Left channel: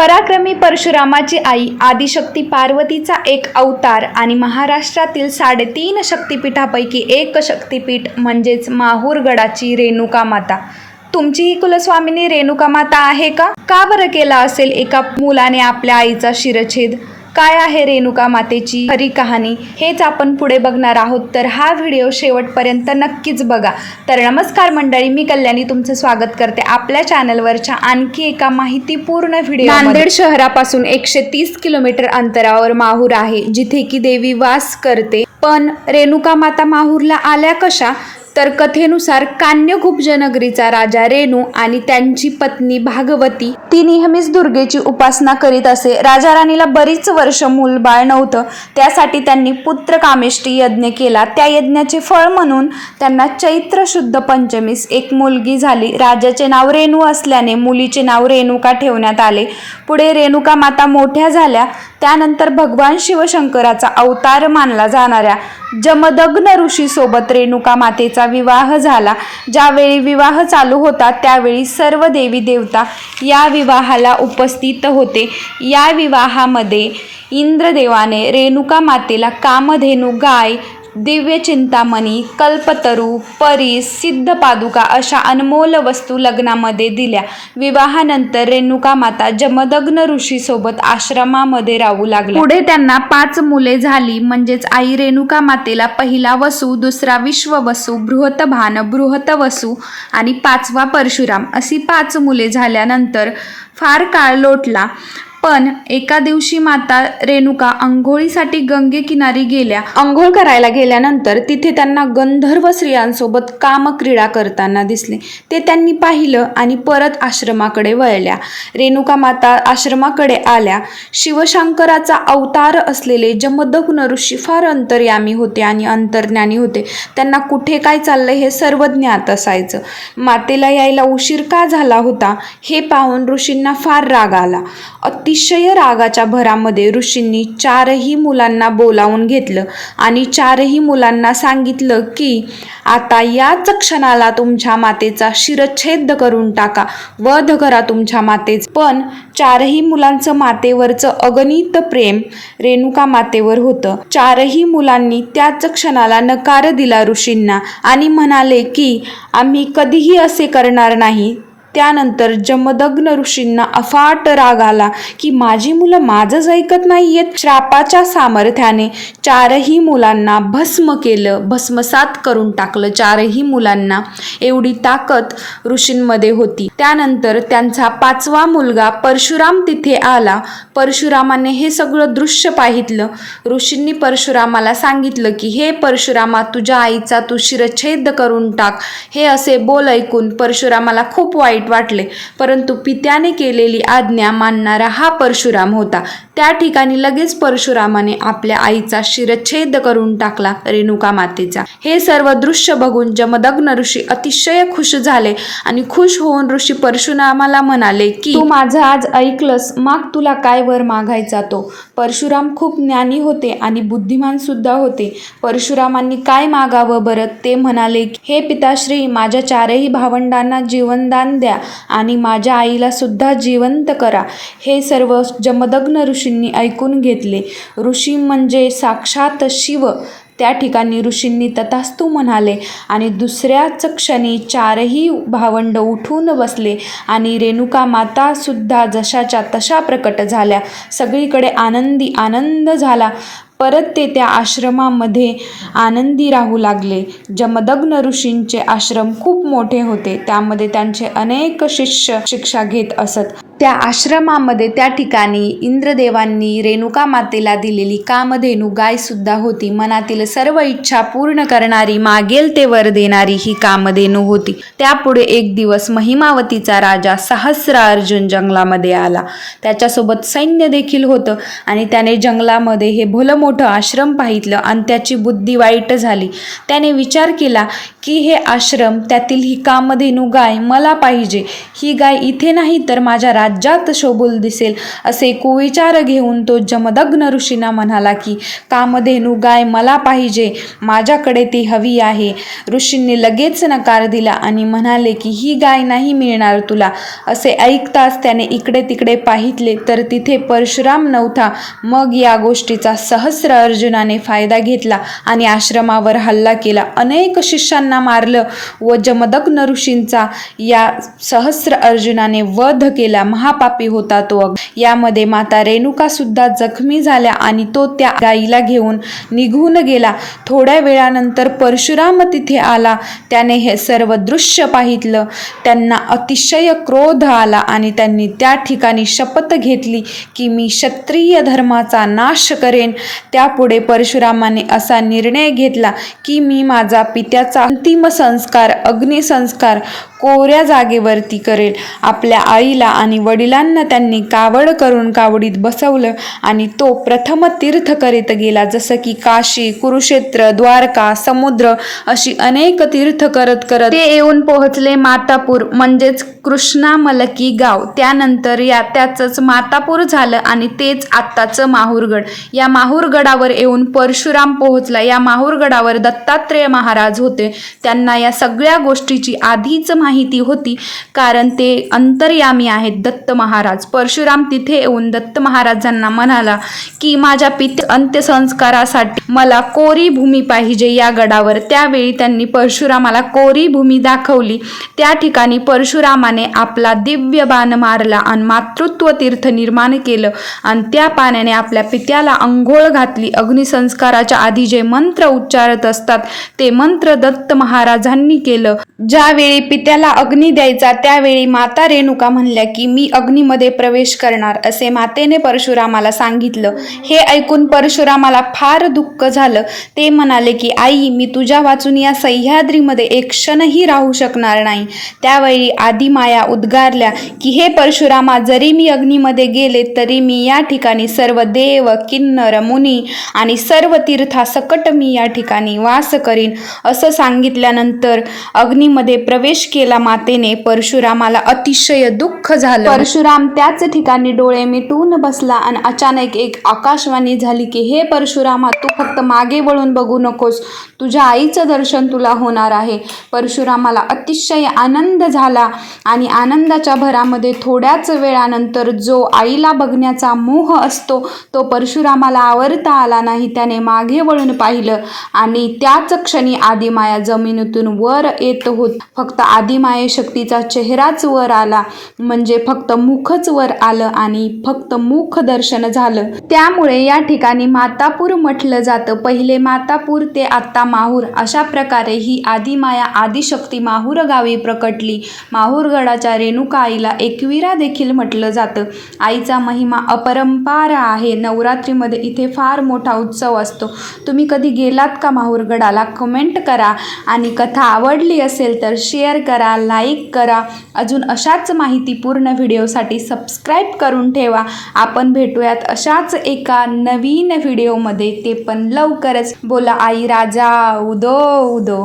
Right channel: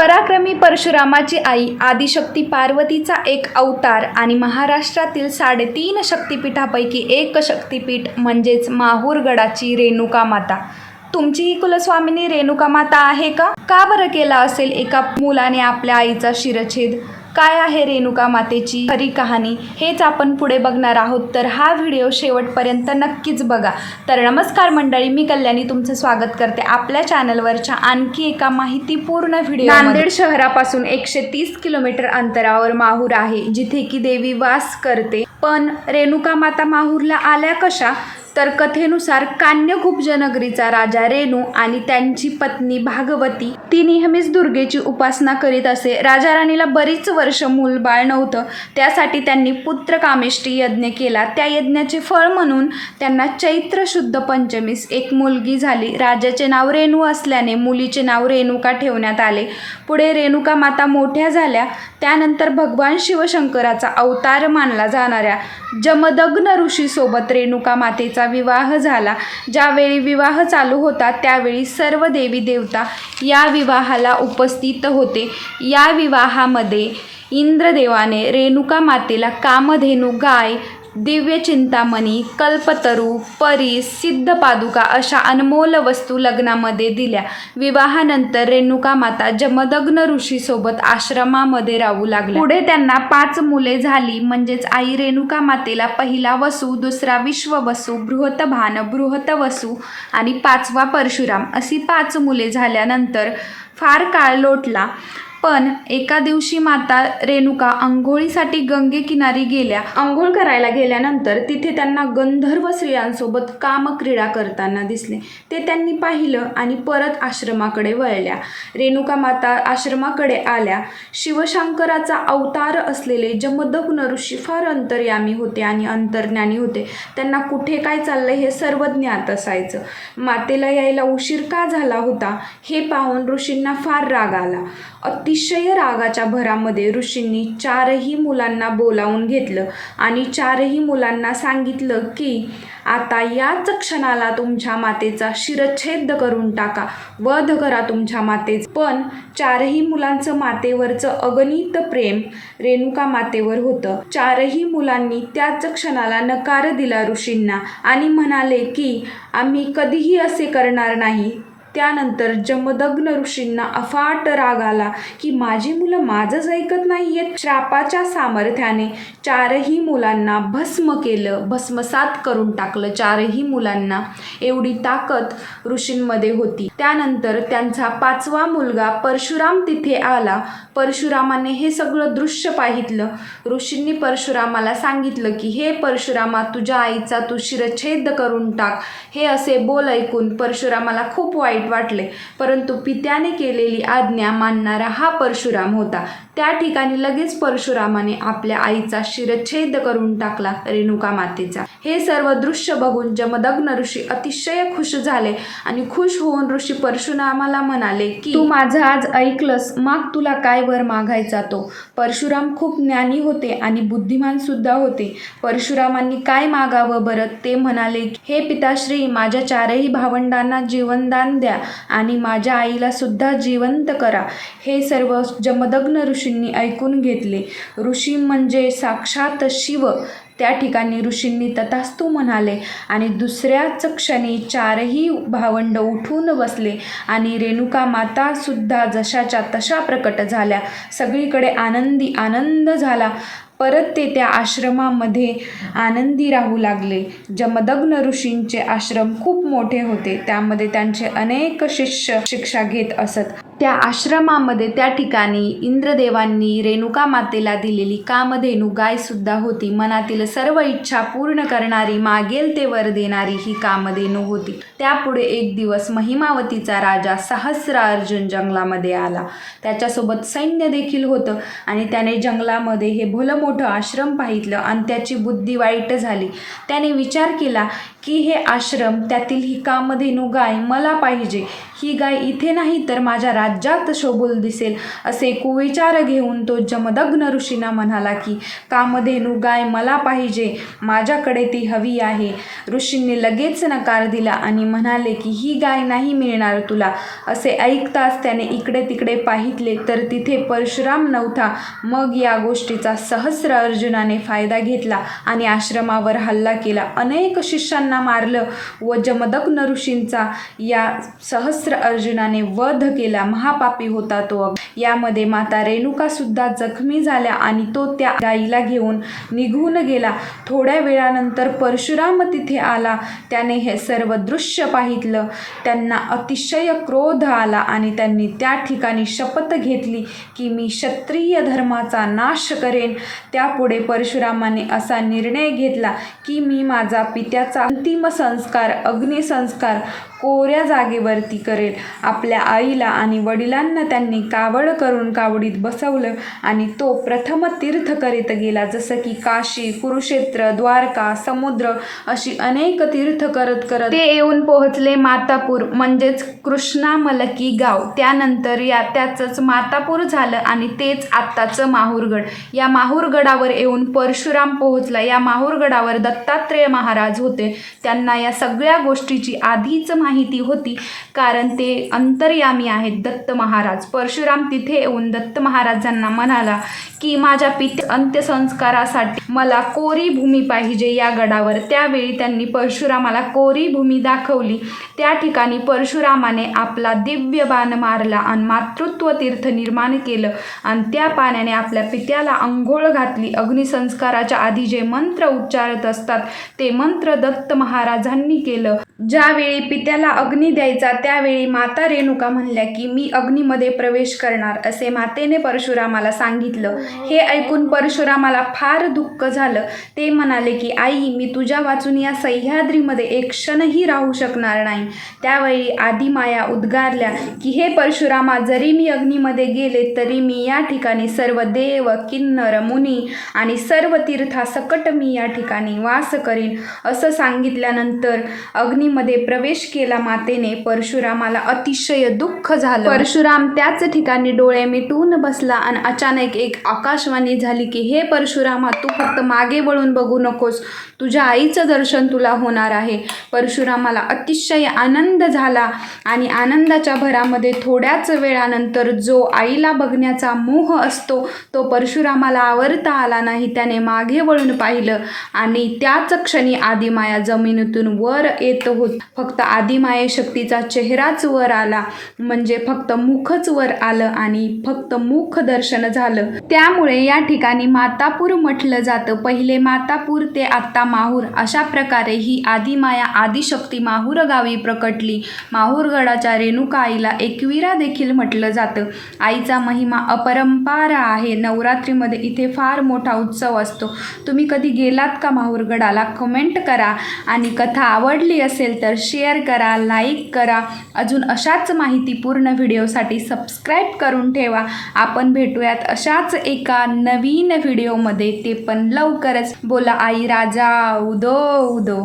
पराक्रमी परशुरामाची आई आदिशक्ती पार्वतीचा एक अवतार आणि महाराष्ट्रातील साडेतीन शक्तिपीठापैकी एक शक्तिपीठ म्हणजेच माहूरगडाची रेणुका माता तुमची ही कुलस्वामिनी रेणुका माता आहे का? का बरं केला असेल एका मुलाने आपल्या आईचा शिरछेद काय आहे रेणुका मातेची खरी कहाणी हेच आपण पुढे बघणार आहोत. तर हा व्हिडिओ शेवटपर्यंत नक्कीच बघा. तर नमस्कार मंडळी मी कल्याणी तुमचं स्वागत करते आपल्या चॅनलवरच्या आणखी एका माहितीपूर्ण व्हिडिओ नांदेड शहरापासून एकशे तीस किलोमीटर अंतरावर माहूर आहे जिथे की देवी वास करते. पण रेणुका माता माहूरला आल्या कशा? तर कथेनुसार कान्यकूप जनगरीचा राजा रेणू आणि त्यांची पत्नी भागवती ती नेहमीच दुर्गेची उपासना करीत असे. राजा राणीला बरीच वर्ष मूलबाळ नव्हतं. त्यासाठी त्यांनी पुत्र कामेष्टी यज्ञ केला. त्या यज्ञाचे फळ म्हणून त्यांना चैत्र शुद्ध पंचमीस एक मुलगी झाली. राजाचे नाव रेणू असल्याने मुलीचे नाव रेणुका ठेवण्यात आले. पुढे रेणुका माता मोठ्या झाल्या. त्यानंतर भगवान शिवशंकराचा अवतार मानला जाणाऱ्या. जमदग्न ऋषीसोबत रेणुका मातेचा विवाह झाला. ज्यावेळी विवाह चालू होता त्यावेळी सर्व देवी देवता या विवाहाला उपस्थित होते. या विवाहामध्ये इंद्रदेवाने रेणुका मातेला कामधेनू गाय दिव्य चिंतामणी कल्पतरू परी सिद्ध पादुका अशा अनमोल वस्तू लग्नामध्ये दिल्या. विवाहानंतर रेणुका माता जमदग्न ऋषीसोबत आश्रमामध्ये राहू लागल्या. पुढे त्यांना पाच मुले झाली. म्हणजेच आई रेणुका मातेला पहिला वसू दुसरा विश्ववसू बृहतभान बृहत वसू आणि पाचवा परशुराम अशी पाच मुले झाल्यानंतर फार काळ लोटला. पण एका दिवशी माता रेणुका आंघोळीसाठी गंगेकिनारी गेल्या. आंघोळ करायला गेल्यानंतर तिथे त्यांना गंधर्व स्त्रियांसोबत कामक्रीडा करताना दिसले. ते त्यांनी पाहिलं आणि परत आश्रमाकडे वळल्या. रेणुका माता आश्रमाकडे आल्या. शिवशंकराचा अवतार असलेले जमदग्न ऋषी फार अंतर्यामी होते आणि अंतर्ज्ञानी होते. त्यांना कुठे काय चाललंय हे सर्व ज्ञात असायचं. मातेला यायला उशीर का झाला होता हे पाहून ऋषींना फार राग आला. अतिशय रागाच्या भरामध्ये ऋषींनी चारही मुलांना बोलावून घेतलं आणि चारही मुलांना सांगितलं की आता याच क्षणाला तुमच्या मातेचा शिरच्छेद करून टाका वध करा तुमच्या मातेच. पण चारही मुलांचं मातेवरचं अगणित प्रेम रेणुका मातेवर होतं. चारही मुलांनी त्याच क्षणाला नकार दिला ऋषींना आणि म्हणाले की आम्ही कधीही असे करणार नाही. त्यानंतर जमदग्न ऋषींना अफाट राग आला की माझी मुलं माझंच ऐकत नाहीयेत. श्रापाच्या सामर्थ्याने चारही मुलांना भस्म केलं. भस्मसात करून टाकलं चारही मुलांना. एवढी ताकद ऋषींमध्ये होती. त्यानंतर त्यांचा पाचवा मुलगा परशुराम तिथे आला. परशुरामाने हे सगळं दृश्य पाहितलं. ऋषींनी परशुरामाला सांगितलं की हे परशुरामा तुझ्या आईचा तू शिरच्छेद करून टाक. हे असे बोल ऐकून परशुरामाला खूप वाईट वाईट वाटले. परंतु पित्याने केलेली आज्ञा मानणारा हा परशुराम होता. त्या ठिकाणी लगेच परशुरामाने आपल्या आईचा शिरच्छेद करून टाकला रेणुका मातेचा हे सर्व दृश्य बघून जमदग्न ऋषी अतिशय खुश झाले आणि खुश होऊन ऋषी परशुरामाला म्हणाले की तू माझं आज ऐकलंस. माग तुला काय वर मागायचा तो परशुराम खूप ज्ञानी होते आणि बुद्धिमान सुद्धा होते. परशुरामांनी काय मागावं बरं ते म्हणाले हे पिताश्री माझ्या चारही भावंडांना जीवनदान द्या. आणि माझ्या आईला सुद्धा जिवंत करा. हे सर्व जमदग्न ऋषींनी ऐकून घेतले. ऋषी म्हणजे साक्षात शिव. त्या ठिकाणी ऋषींनी तथास्तू म्हणाले आणि दुसऱ्याच क्षणी चारही भावंड उठून बसले आणि रेणुका माता सुद्धा जशाच्या तशा प्रकट झाल्या. सगळीकडे आनंदी आनंद झाला. परत ते त्या आश्रमामध्ये आनंदी राहू लागले. जमदग्न ऋषींचे आश्रम खूप मोठे होते. त्यामध्ये त्यांचे अनेक शिष्य शिक्षा घेत असत. त्या आश्रमामध्ये त्या ठिकाणी इंद्रदेवांनी रेणुका मातेला दिलेली कामधेनू गायसुद्धा होती. मनातील सर्व इच्छा पूर्ण करणारी मागेल ते वर देणारी ही कामधेनू होती. त्यापुढे एक दिवस महिमावतीचा राजा सहस्र अर्जुन जंगलामध्ये आला. त्याच्यासोबत सैन्य देखील होतं आणि त्याने जंगलामध्ये हे भलं मोठं आश्रम पाहितलं आणि त्याची बुद्धी वाईट झाली. त्याने विचार केला की हे आश्रम त्यातील ही कामधेनू गाय मला पाहिजे. ही गाय इथे नाही तर माझ्या राज्यात शोभूल दिसेल. असे कुविचार घेऊन तो जमदग्न ऋषींना म्हणाला की कामधेनू गाय मला पाहिजे. माझ्याकडे ती हवी आहे. ऋषींनी लगेच नकार दिला आणि म्हणाले की ही गाय नाही मिळणार तुला. असे ऐकताच त्याने इकडे तिकडे पाहितले तर तिथे परशुराम नव्हता. मग या गोष्टीचा सहस्र अर्जुनाने फायदा घेतला आणि आश्रमावर हल्ला केला. अनेक शिष्यांना मारलं व जमदग्न ऋषींचा या सहस्र अर्जुनाने वध केला. महापापी होता तो. यामध्ये माता रेणुका सुद्धा जखमी झाल्या आणि तो त्या गाईला घेऊन निघून गेला. थोड्या वेळानंतर परशुराम तिथे आला. त्याने हे सर्व दृश्य पाहितलं त्यांना अतिशय क्रोध आला आणि त्यांनी त्या ठिकाणी शपथ घेतली की मी क्षत्रिय धर्माचा नाश करेन. त्यापुढे परशुरामाने असा निर्णय घेतला की मी माझा पित्याचा अंतिम संस्कार अग्निसंस्कार कोऱ्या जागेवरती करेल. आपल्या आईला आणि वडिलांना त्यांनी कावड करून कावडीत बसवलं आणि तो प्रथम तीर्थ करीत गेला. जसं की काशी कुरुक्षेत्र द्वारका समुद्र अशी अनेक तीर्थ करत करत ते येऊन पोहोचले मातापूर म्हणजेच कृष्णा मलकी गाव. त्यानंतर या त्याचंच मातापूर झालं आणि तेच आत्ताचं माहूरगड. या माहूरगडावर येऊन परशुराम पोहोचला. या माहूरगडावर दत्तात्रेय महाराज होते. त्यांना या सगळ्या गोष्टीची आधीच माहिती माहिती होती. कारण ते अंतर्यामी आहेत दत्त महाराज. परशुराम तिथे येऊन दत्त महाराजांना म्हणाला की माझ्या पिते अंत्यसंस्कारासाठी मला कोरी भूमी पाहिजे या गडावर. त्यावेळी त्यांनी परशुरामाला कोरी भूमी दाखवली. त्या ठिकाणी परशुरामाने आपला दिव्य बाण मारला आणि मातृत्व तीर्थ निर्माण केलं आणि त्या पाण्याने आपल्या पित्याला अंघोळ घातली. अग्निसंस्काराच्या आधी जे मंत्र उच्चारत असतात ते मंत्र दत्त महाराजांनी केलं. ज्यावेळी पित्याला अग्नी द्यायचा त्यावेळी माता रेणुका म्हणल्या की मी अग्नीमध्ये प्रवेश करणार असे मातेने परशुरामाला सांगितलं. हे ऐकून परशुरामाला फार दुःख झालं. ते म्हणाले की आई मी तुझ्या वाचून या सह्याद्रीमध्ये एक क्षणही राहू शकणार नाही. त्यावेळी आदिमाया उद्गारल्या की हे परशुरामा जरी मी अग्नीमध्ये गेले तरी मी या ठिकाणी सर्व देव किन्नर मुनी आणि सर्व तीर्थासकट मी या ठिकाणी वास करीन. असं सांगितल्यानंतर अग्नीमध्ये प्रवेश केला मातेने. परशुरामाला अतिशय दुःख झालं. परशुराम त्याच ठिकाणी डोळे मिटून बसला आणि अचानक एक आकाशवाणी झाली की हे परशुरामा तू फक्त मागे वळून बघू नकोस. तुझ्या आईचं दर्शन तुला होणार आहे. परशुरामाला अतिशय आनंद झाला आणि आनंदाच्या भरामध्ये थोड्याच वेळानंतर जो आईला बघण्याचा मोह असतो तो परशुरामाला आवरता आला नाही त्याने मागे वळून पाहिलं आणि त्याच क्षणी आदिमाया जमिनीतून वर येत होत. फक्त आदिमाये शक्तीचा चेहराच वर आला म्हणजे फक्त मुखच वर आलं आणि फक्त मुख दर्शन झालं. त्यामुळे या ठिकाणी मातापूर म्हटलं जातं पहिले मातापूर ते आत्ता माहूर. अशा प्रकारे ही आदिमाया आदिशक्ती माहूर गावी प्रकटली. माहूरगडाच्या रेणुका आईला एकविरा देखील म्हटलं जातं. आईचा महिमा अपरंपार आहे. नवरात्रीमध्ये इथे फार मोठा उत्सव असतो. तुम्ही कधी गेलात का माहूरगडाला कमेंट करा. आणि कथा आवडली असेल तर शेअर करा लाईक करा. अजून अशाच माहितीपूर्ण व्हिडिओसाठी सबस्क्राईब करून ठेवा. आपण भेटूयात अशाच एका नवीन व्हिडिओमध्ये. ते पण लवकरच बोला आई राजा उदो उदो.